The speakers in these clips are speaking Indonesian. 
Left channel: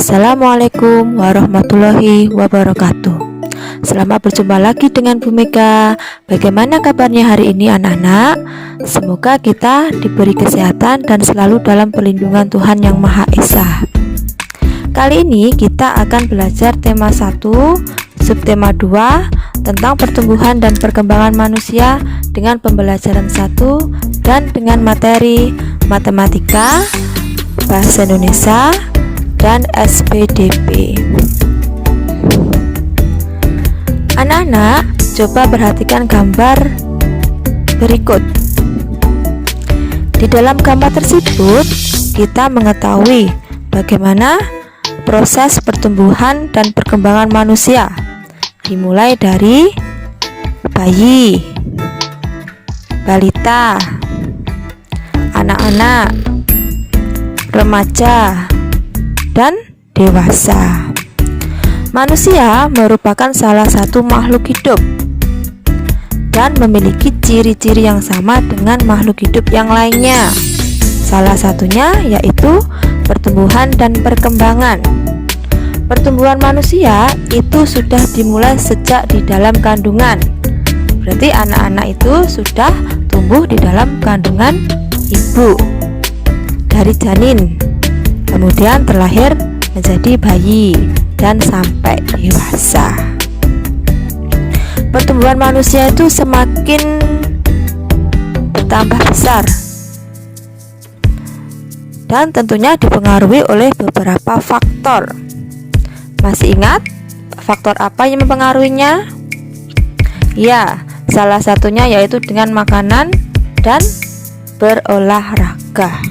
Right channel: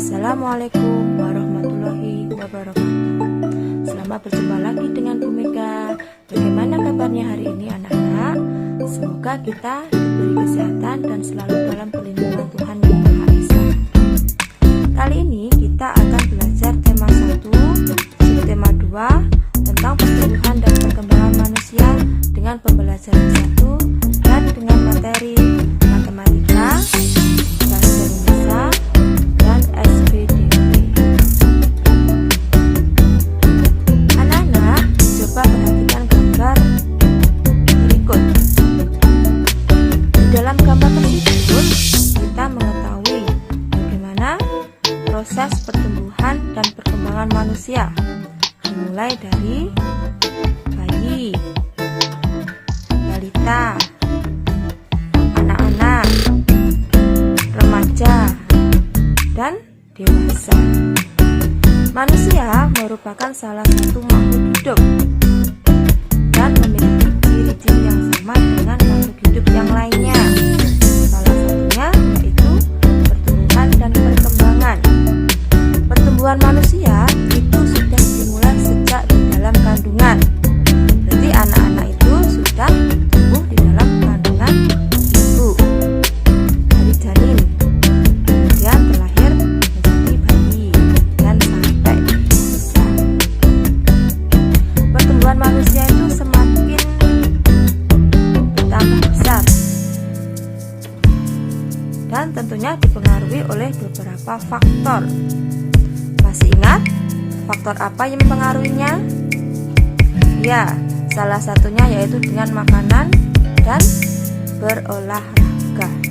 Assalamualaikum warahmatullahi wabarakatuh. Selamat berjumpa lagi dengan Bu Mega. Bagaimana kabarnya hari ini anak-anak? Semoga kita diberi kesehatan dan selalu dalam perlindungan Tuhan Yang Maha Esa. Kali ini kita akan belajar tema 1, subtema 2 tentang pertumbuhan dan perkembangan manusia dengan pembelajaran 1 dan dengan materi matematika, bahasa Indonesia, dan SPDP. Anak-anak, coba perhatikan gambar berikut. Di dalam gambar tersebut, kita mengetahui bagaimana proses pertumbuhan dan perkembangan manusia, dimulai dari bayi, balita, anak-anak, remaja, dan dewasa. Manusia merupakan salah satu makhluk hidup dan memiliki ciri-ciri yang sama dengan makhluk hidup yang lainnya. Salah satunya yaitu pertumbuhan dan perkembangan. Pertumbuhan manusia itu sudah dimulai sejak di dalam kandungan. Berarti anak-anak itu sudah tumbuh di dalam kandungan ibu dari janin, kemudian terlahir menjadi bayi dan sampai dewasa. Pertumbuhan manusia itu semakin bertambah besar dan tentunya dipengaruhi oleh beberapa faktor. Masih ingat faktor apa yang mempengaruhinya? Ya, salah satunya yaitu dengan makanan dan berolahraga.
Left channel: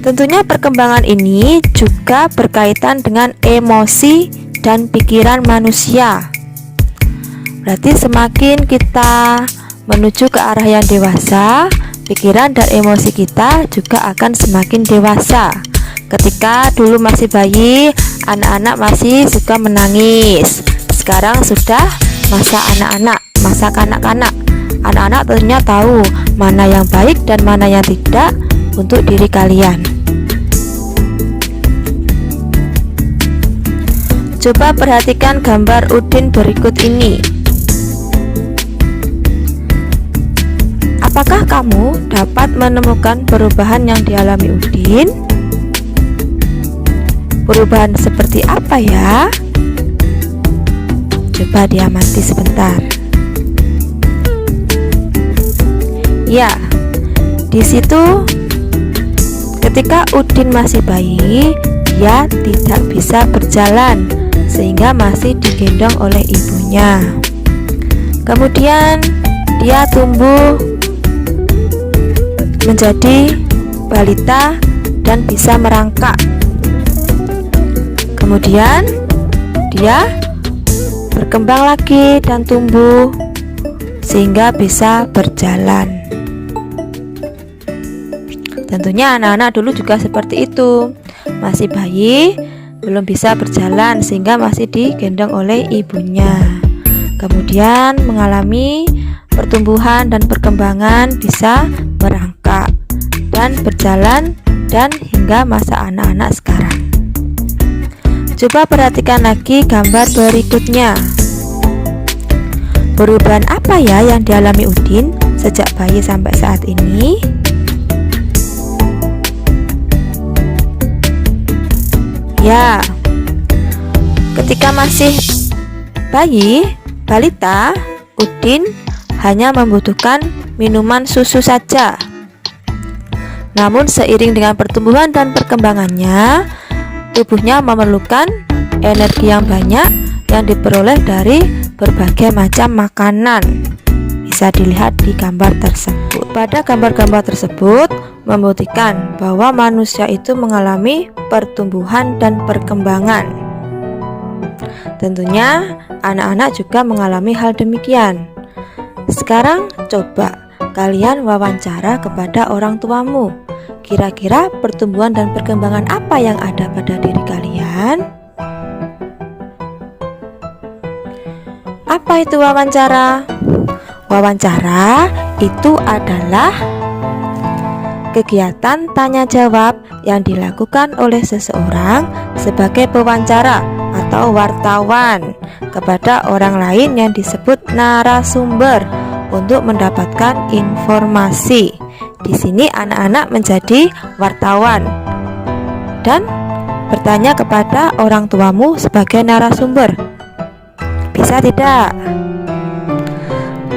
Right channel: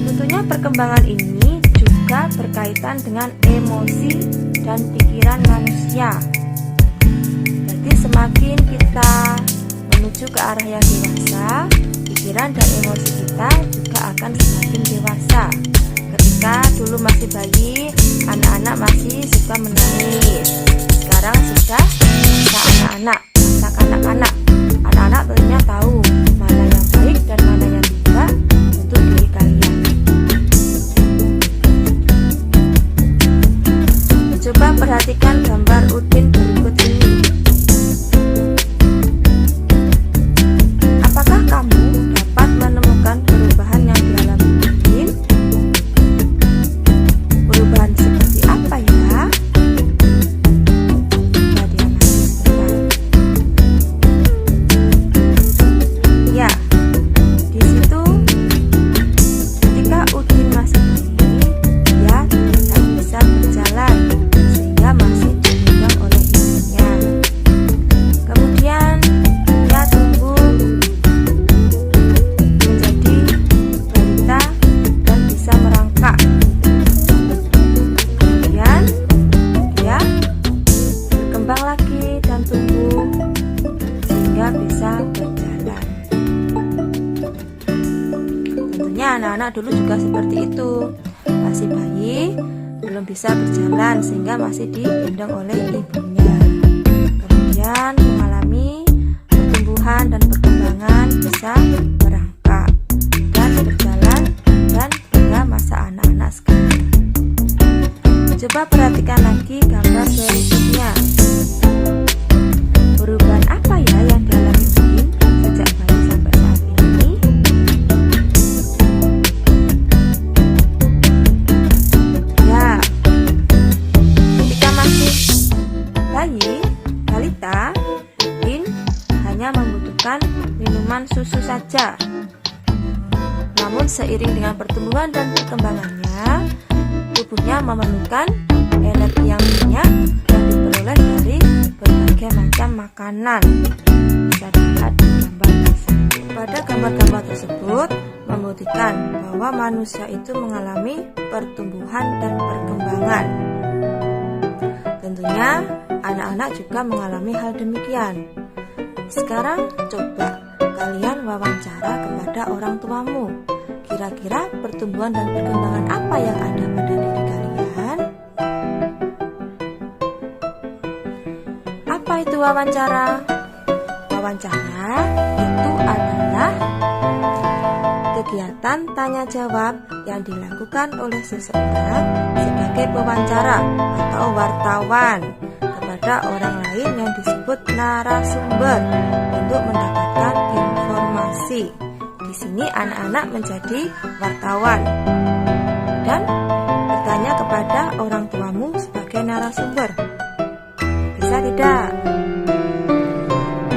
Tentunya perkembangan ini juga berkaitan dengan emosi dan pikiran manusia. Berarti semakin kita menuju ke arah yang dewasa, pikiran dan emosi kita juga akan semakin dewasa. Ketika dulu masih bayi, anak-anak masih suka menangis. Sekarang sudah masa anak-anak, masa kanak-kanak. Anak-anak tentunya tahu mana yang baik dan mana yang tidak untuk diri kalian. Coba perhatikan gambar Udin berikut ini. Apakah kamu dapat menemukan perubahan yang dialami Udin? Perubahan seperti apa ya? Coba diamati sebentar. Ya, di situ ketika Udin masih bayi, dia tidak bisa berjalan sehingga masih digendong oleh ibunya. Kemudian dia tumbuh menjadi balita dan bisa merangkak. Kemudian dia berkembang lagi dan tumbuh sehingga bisa berjalan. Tentunya anak-anak dulu juga seperti itu. Masih bayi, belum bisa berjalan sehingga masih digendong oleh ibunya. Kemudian mengalami pertumbuhan dan perkembangan, bisa merangkak dan berjalan dan hingga masa anak-anak sekarang. Coba perhatikan lagi gambar berikutnya. Perubahan apa ya yang dialami Udin sejak bayi sampai saat ini? Ya, ketika masih bayi, balita, Udin hanya membutuhkan minuman susu saja. Namun seiring dengan pertumbuhan dan perkembangannya, tubuhnya memerlukan energi yang banyak yang diperoleh dari berbagai macam makanan. Bisa dilihat di gambar tersebut. Pada gambar-gambar tersebut membuktikan bahwa manusia itu mengalami pertumbuhan dan perkembangan. Tentunya anak-anak juga mengalami hal demikian. Sekarang coba kalian wawancara kepada orang tuamu. Kira-kira pertumbuhan dan perkembangan apa yang ada pada diri kalian? Apa itu wawancara? Wawancara itu adalah kegiatan tanya jawab yang dilakukan oleh seseorang sebagai pewawancara atau wartawan kepada orang lain yang disebut narasumber untuk mendapatkan informasi. Di sini anak-anak menjadi wartawan dan bertanya kepada orang tuamu sebagai narasumber. Bisa tidak?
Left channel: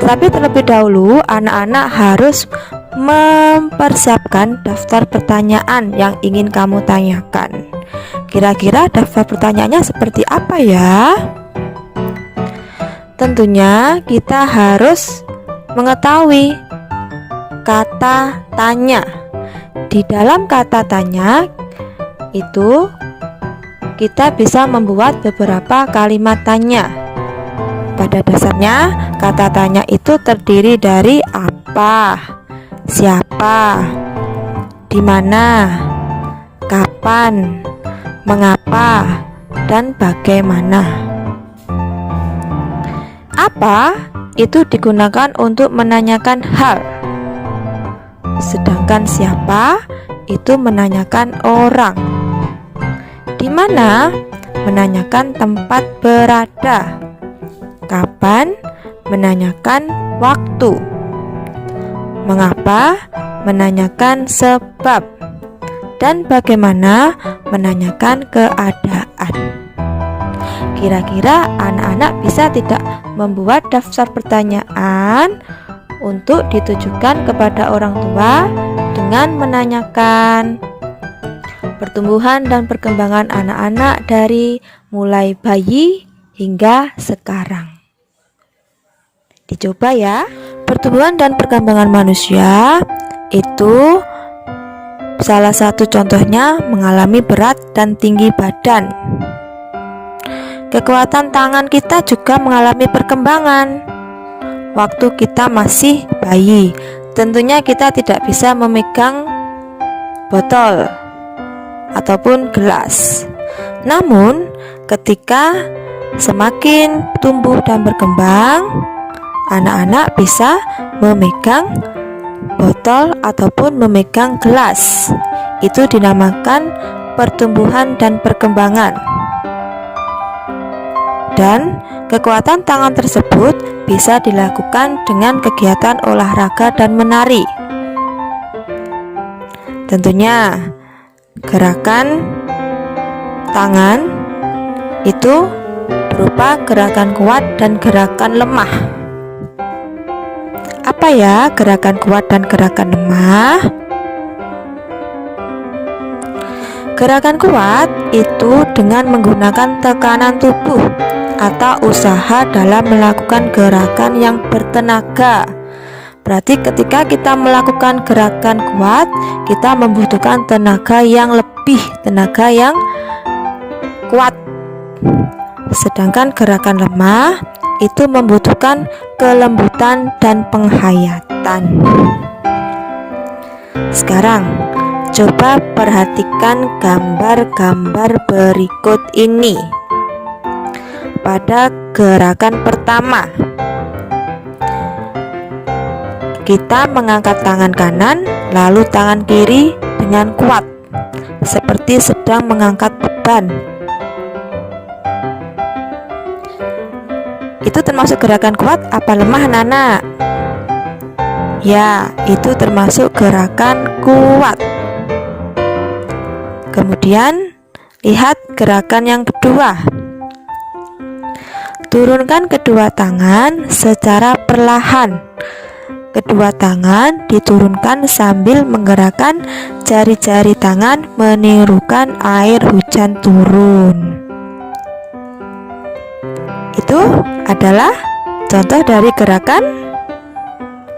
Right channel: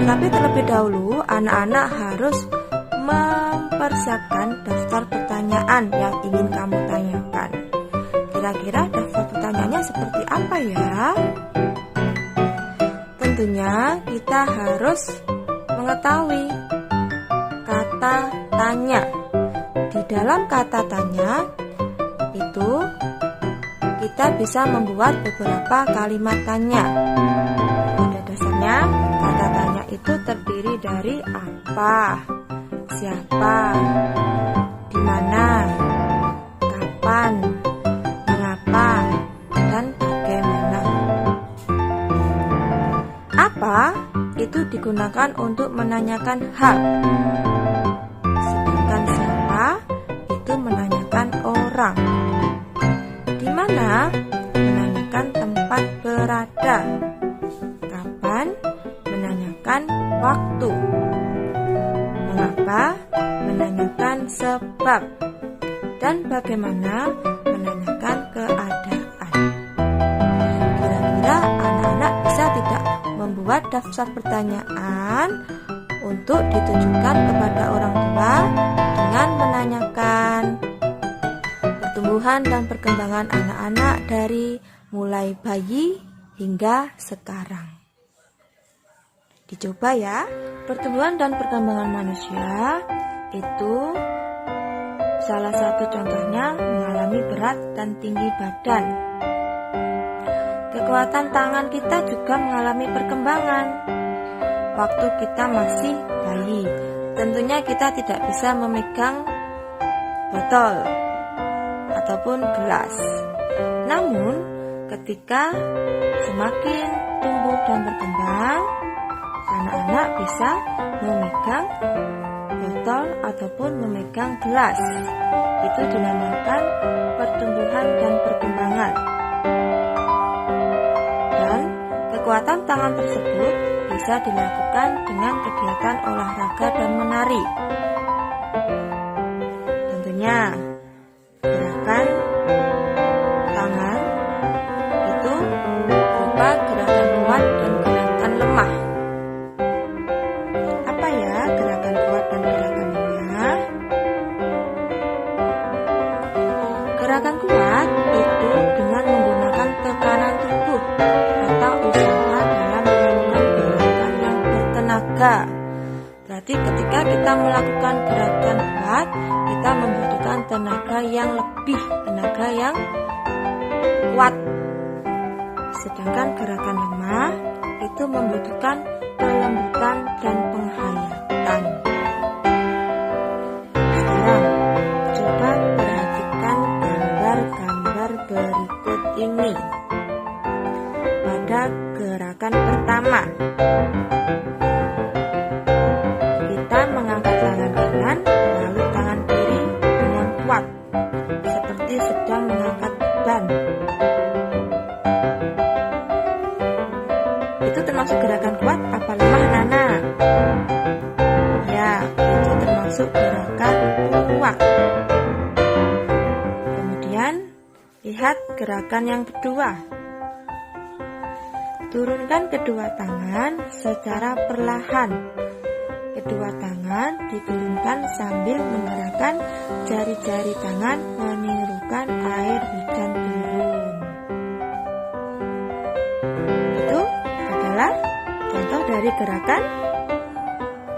Tapi terlebih dahulu anak-anak harus mempersiapkan daftar pertanyaan yang ingin kamu tanyakan. Kira-kira daftar pertanyaannya seperti apa ya? Tentunya kita harus mengetahui kata tanya. Di dalam kata tanya itu kita bisa membuat beberapa kalimat tanya. Pada dasarnya kata tanya itu terdiri dari apa, siapa, di mana, kapan, mengapa, dan bagaimana. Apa itu digunakan untuk menanyakan hal, sedangkan siapa itu menanyakan orang. Di mana menanyakan tempat berada, kapan menanyakan waktu, mengapa menanyakan sebab, dan bagaimana menanyakan keadaan. Kira-kira anak-anak bisa tidak membuat daftar pertanyaan untuk ditujukan kepada orang tua dengan menanyakan pertumbuhan dan perkembangan anak-anak dari mulai bayi hingga sekarang. Dicoba ya. Pertumbuhan dan perkembangan manusia itu salah satu contohnya mengalami berat dan tinggi badan. Kekuatan tangan kita juga mengalami perkembangan. Waktu kita masih bayi, tentunya kita tidak bisa memegang botol ataupun gelas. Namun, ketika semakin tumbuh dan berkembang, anak-anak bisa memegang botol ataupun memegang gelas. Itu dinamakan pertumbuhan dan perkembangan. Dan kekuatan tangan tersebut bisa dilakukan dengan kegiatan olahraga dan menari. Tentunya gerakan tangan itu berupa gerakan kuat dan gerakan lemah. Apa ya gerakan kuat dan gerakan lemah? Gerakan kuat itu dengan menggunakan tekanan tubuh atau usaha dalam melakukan gerakan yang bertenaga. Berarti ketika kita melakukan gerakan kuat, kita membutuhkan tenaga yang lebih, tenaga yang kuat. Sedangkan gerakan lemah itu membutuhkan kelembutan dan penghayatan. Sekarang coba perhatikan gambar-gambar berikut ini. Pada gerakan pertama, kita mengangkat tangan kanan lalu tangan kiri dengan kuat, seperti sedang mengangkat beban. Itu termasuk gerakan kuat apa lemah, anak-anak? Ya, itu termasuk gerakan kuat. Kemudian lihat gerakan yang kedua. Turunkan kedua tangan secara perlahan. Kedua tangan diturunkan sambil menggerakkan jari-jari tangan menirukan air hujan turun. Itu adalah contoh dari gerakan.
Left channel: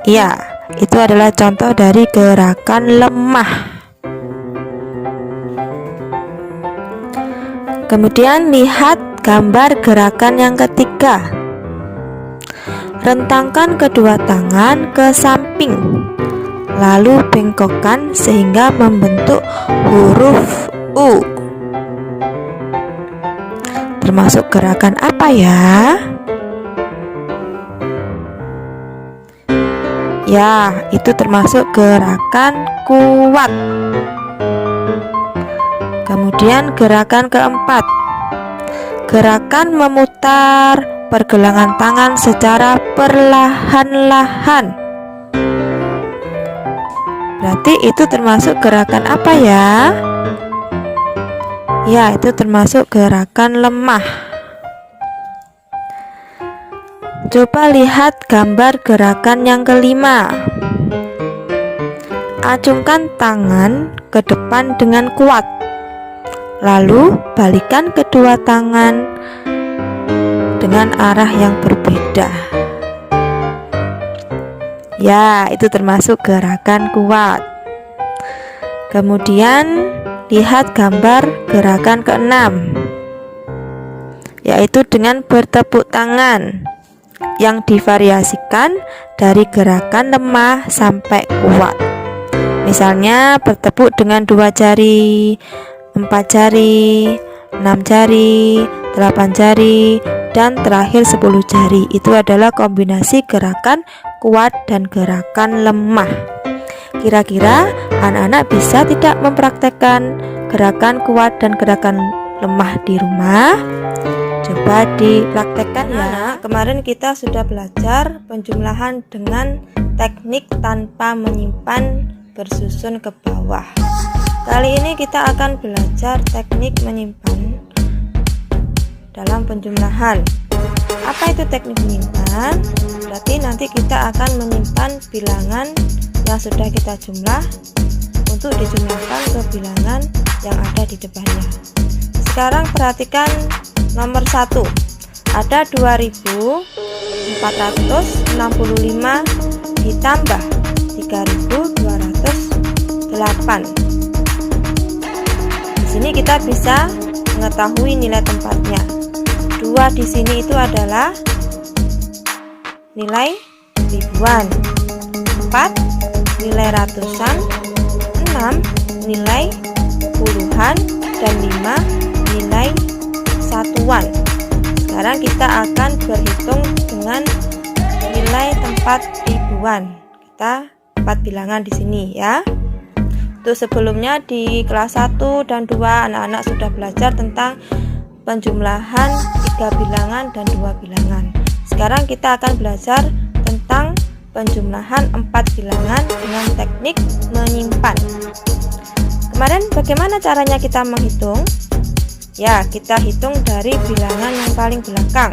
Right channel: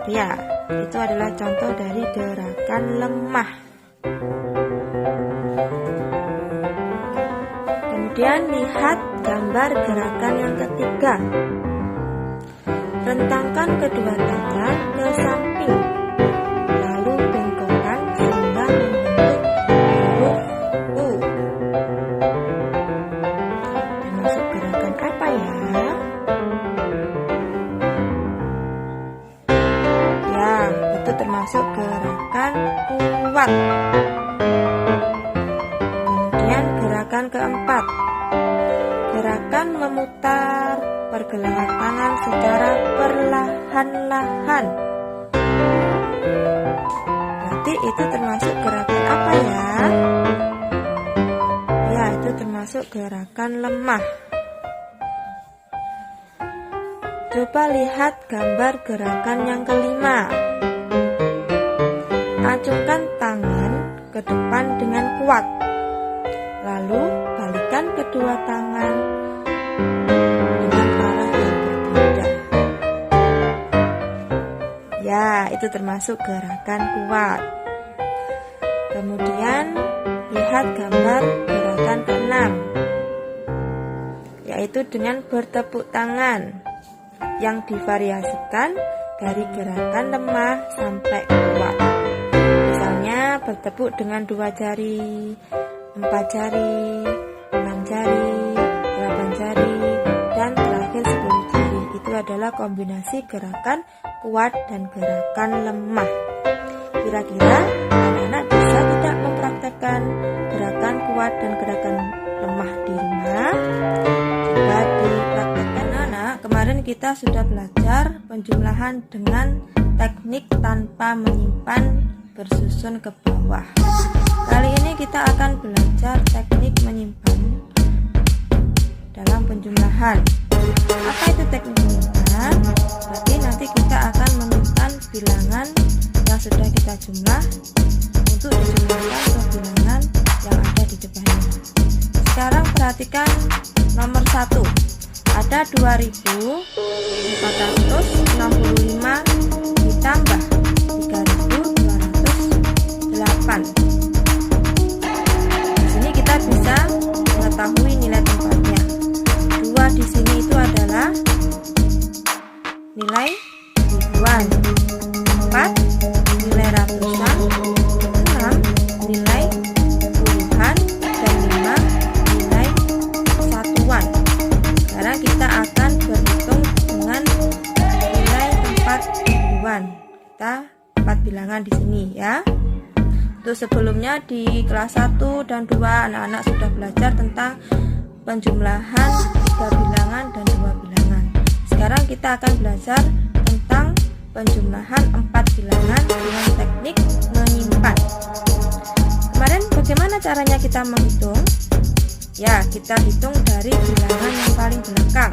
Ya, itu adalah contoh dari gerakan lemah. Kemudian lihat gambar gerakan yang ketiga. Rentangkan kedua tangan ke samping, lalu bengkokkan sehingga membentuk huruf U. Termasuk gerakan apa ya? Ya, itu itu termasuk gerakan kuat. Kemudian gerakan keempat, gerakan memutar pergelangan tangan secara perlahan-lahan. Berarti itu termasuk gerakan apa ya? Ya, itu termasuk gerakan lemah. Coba lihat gambar gerakan yang kelima. Acungkan tangan ke depan dengan kuat, lalu balikan kedua tangan dengan arah yang berbeda. Ya, itu termasuk gerakan kuat. Kemudian lihat gambar gerakan keenam, yaitu dengan bertepuk tangan, yang divariasikan dari gerakan lemah sampai kuat. Misalnya bertepuk dengan 2 jari, 4 jari, 6 jari, 8 jari, dan terakhir 10 jari. Itu adalah kombinasi gerakan kuat dan gerakan lemah. Kira-kira anak-anak bisa tidak mempraktekkan gerakan kuat dan gerakan lemah di rumah? Coba dipraktekkan ya. Anak, kemarin kita sudah belajar penjumlahan dengan teknik tanpa menyimpan bersusun ke bawah. Kali ini kita akan belajar teknik menyimpan dalam penjumlahan. Apa itu teknik menyimpan? Berarti nanti kita akan menyimpan bilangan yang sudah kita jumlah untuk dijumlahkan ke bilangan yang ada di depannya. Sekarang perhatikan nomor 1. Ada 2465 ditambah 3208. Di sini kita bisa mengetahui nilai tempatnya. 2 di sini itu adalah nilai ribuan, 4 nilai ratusan, 6 nilai puluhan, dan 5 nilai satuan. Sekarang kita akan berhitung dengan nilai tempat ribuan. Kita 4 bilangan di sini ya. Untuk sebelumnya di kelas 1 dan 2 anak-anak sudah belajar tentang penjumlahan 3 bilangan dan 2 bilangan. Sekarang kita akan belajar tentang penjumlahan 4 bilangan dengan teknik menyimpan. Kemarin bagaimana caranya kita menghitung? Ya, kita hitung dari bilangan yang paling belakang.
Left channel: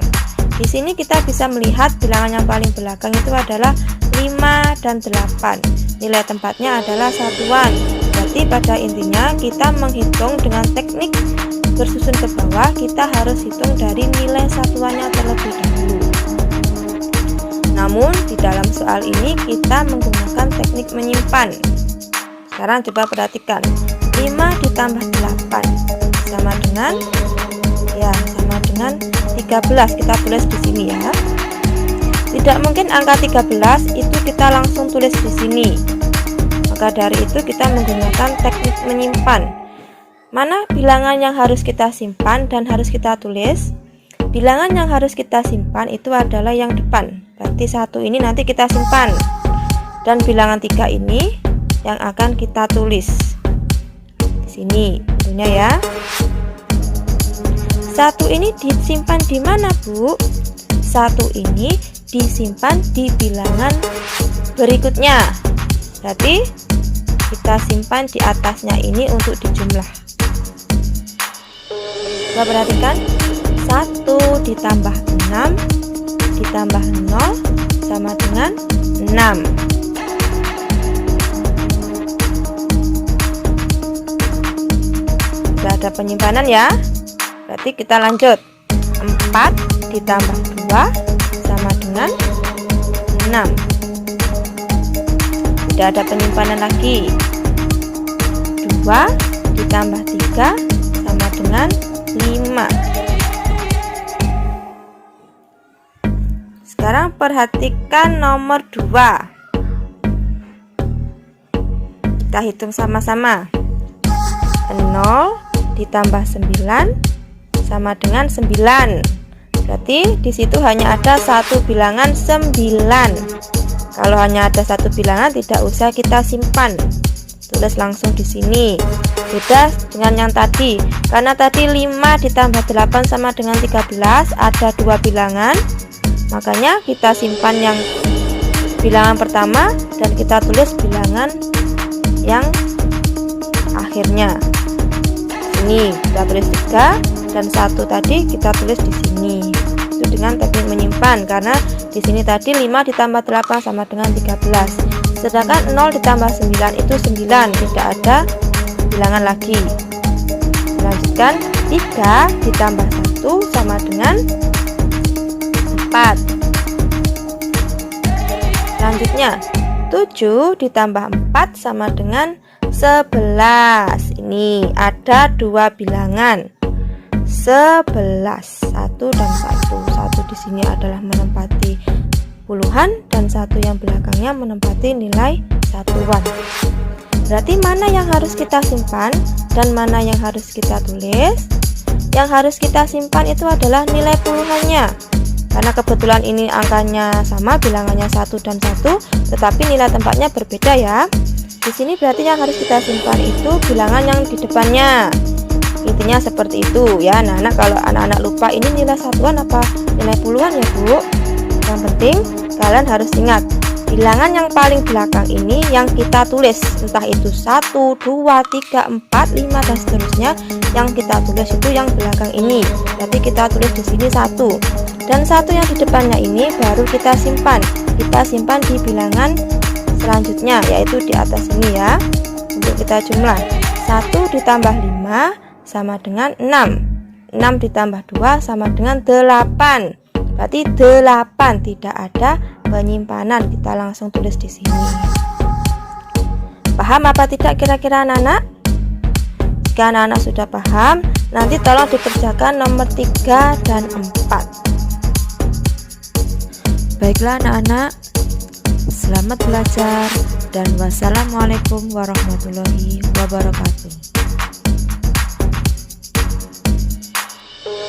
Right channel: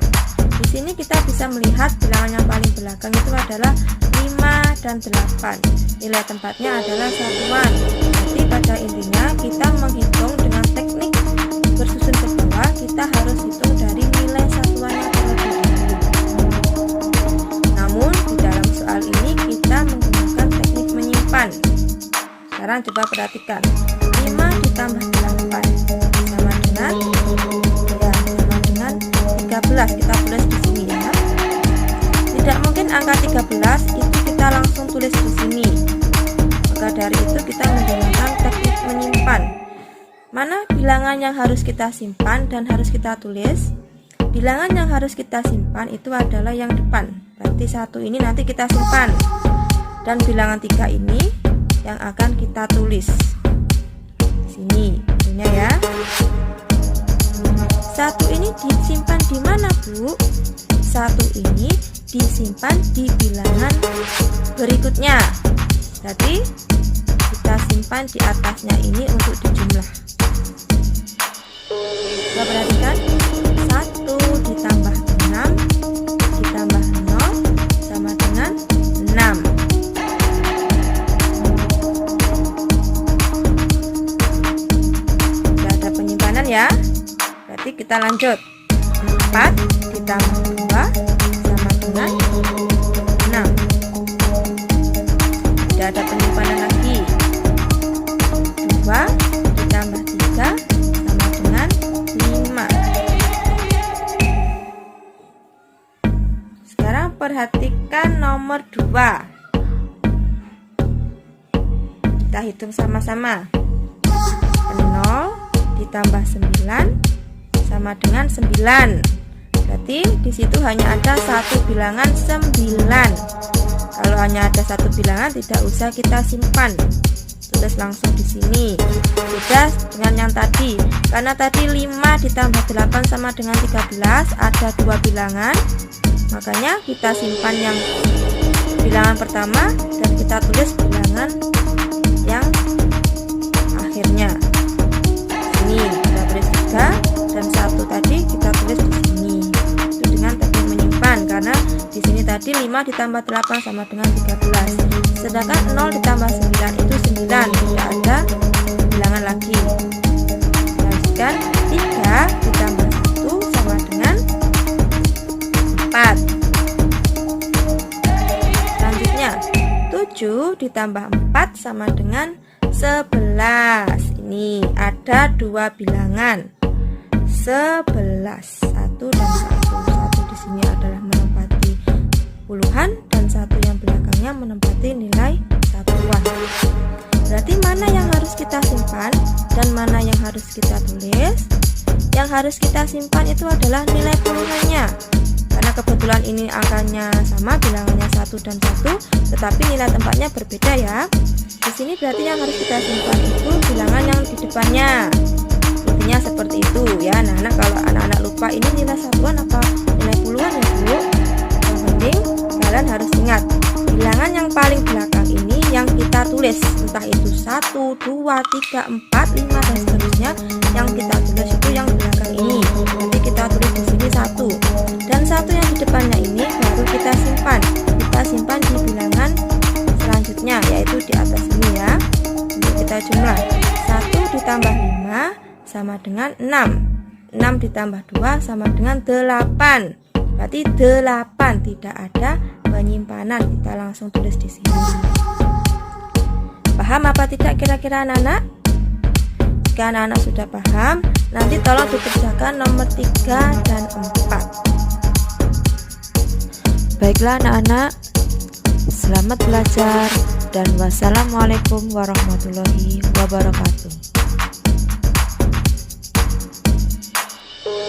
Di sini kita bisa melihat bilangan yang paling belakang itu adalah 5 dan 8. Nilai tempatnya adalah satuan. Berarti pada intinya kita menghitung dengan teknik bersusun ke bawah, kita harus hitung dari nilai satuannya terlebih dahulu. Namun di dalam soal ini kita menggunakan teknik menyimpan. Sekarang coba perhatikan. 5 ditambah 8 sama dengan 13. Kita tulis di sini ya. Tidak mungkin angka 13 itu kita langsung tulis di sini. Maka dari itu kita menggunakan teknik menyimpan. Mana bilangan yang harus kita simpan dan harus kita tulis? Bilangan yang harus kita simpan itu adalah yang depan. Berarti 1 ini nanti kita simpan. Dan bilangan 3 ini yang akan kita tulis. Di sini tentunya ya. 1 ini disimpan di mana, Bu? 1 ini disimpan di bilangan berikutnya. Berarti kita simpan di atasnya ini untuk dijumlah. Coba perhatikan. 1 ditambah 6 ditambah 0 sama dengan 6. Sudah ada penyimpanan ya. Berarti kita lanjut. 4 ditambah 2 sama dengan 6. Tidak ada penyimpanan lagi. 2 ditambah 3 sama dengan 5. Sekarang perhatikan nomor 2. Kita hitung sama-sama. 0 ditambah 9 sama dengan 9. Berarti di situ hanya ada satu bilangan 9. Kalau hanya ada satu bilangan tidak usah kita simpan, tulis langsung di sini. Beda dengan yang tadi, karena tadi 5 ditambah 8 sama dengan 13, ada dua bilangan, makanya kita simpan yang bilangan pertama dan kita tulis bilangan yang akhirnya. Ini kita tulis 3 dan 1 tadi kita tulis di sini. Itu dengan teknik menyimpan, karena di sini tadi 5 ditambah 8 sama dengan 13. Sedangkan 0 ditambah 9 itu 9, tidak ada bilangan lagi. Lanjutkan, 3 ditambah 1 sama dengan 4. Selanjutnya, 7 ditambah 4 sama dengan 11. Ini ada dua bilangan 11, 1 dan 1. 1 di sini adalah menempati puluhan dan 1 yang belakangnya menempati nilai satuan. Berarti mana yang harus kita simpan dan mana yang harus kita tulis? Yang harus kita simpan itu adalah nilai puluhannya, karena kebetulan ini angkanya sama, bilangannya 1 dan 1, tetapi nilai tempatnya berbeda ya. Di sini berarti yang harus kita simpan itu bilangan yang di depannya. Intinya seperti itu ya anak-anak. Kalau anak-anak lupa ini nilai satuan apa nilai puluhan ya Bu, yang penting kalian harus ingat bilangan yang paling belakang ini yang kita tulis, entah itu 1, 2, 3, 4, 5 dan seterusnya. Yang kita tulis itu yang belakang ini, jadi kita tulis di sini 1, dan 1 yang di depannya ini baru kita simpan. Kita simpan di bilangan selanjutnya, yaitu di atas ini ya. Untuk kita jumlah 1 ditambah 5 sama dengan 6, 6 ditambah 2 sama dengan 8. Berarti 8, tidak ada penyimpanan, kita langsung tulis di sini. Paham apa tidak kira-kira anak-anak? Jika anak-anak sudah paham, nanti tolong dikerjakan nomor 3 dan 4. Baiklah anak-anak, selamat belajar dan wassalamualaikum warahmatullahi wabarakatuh.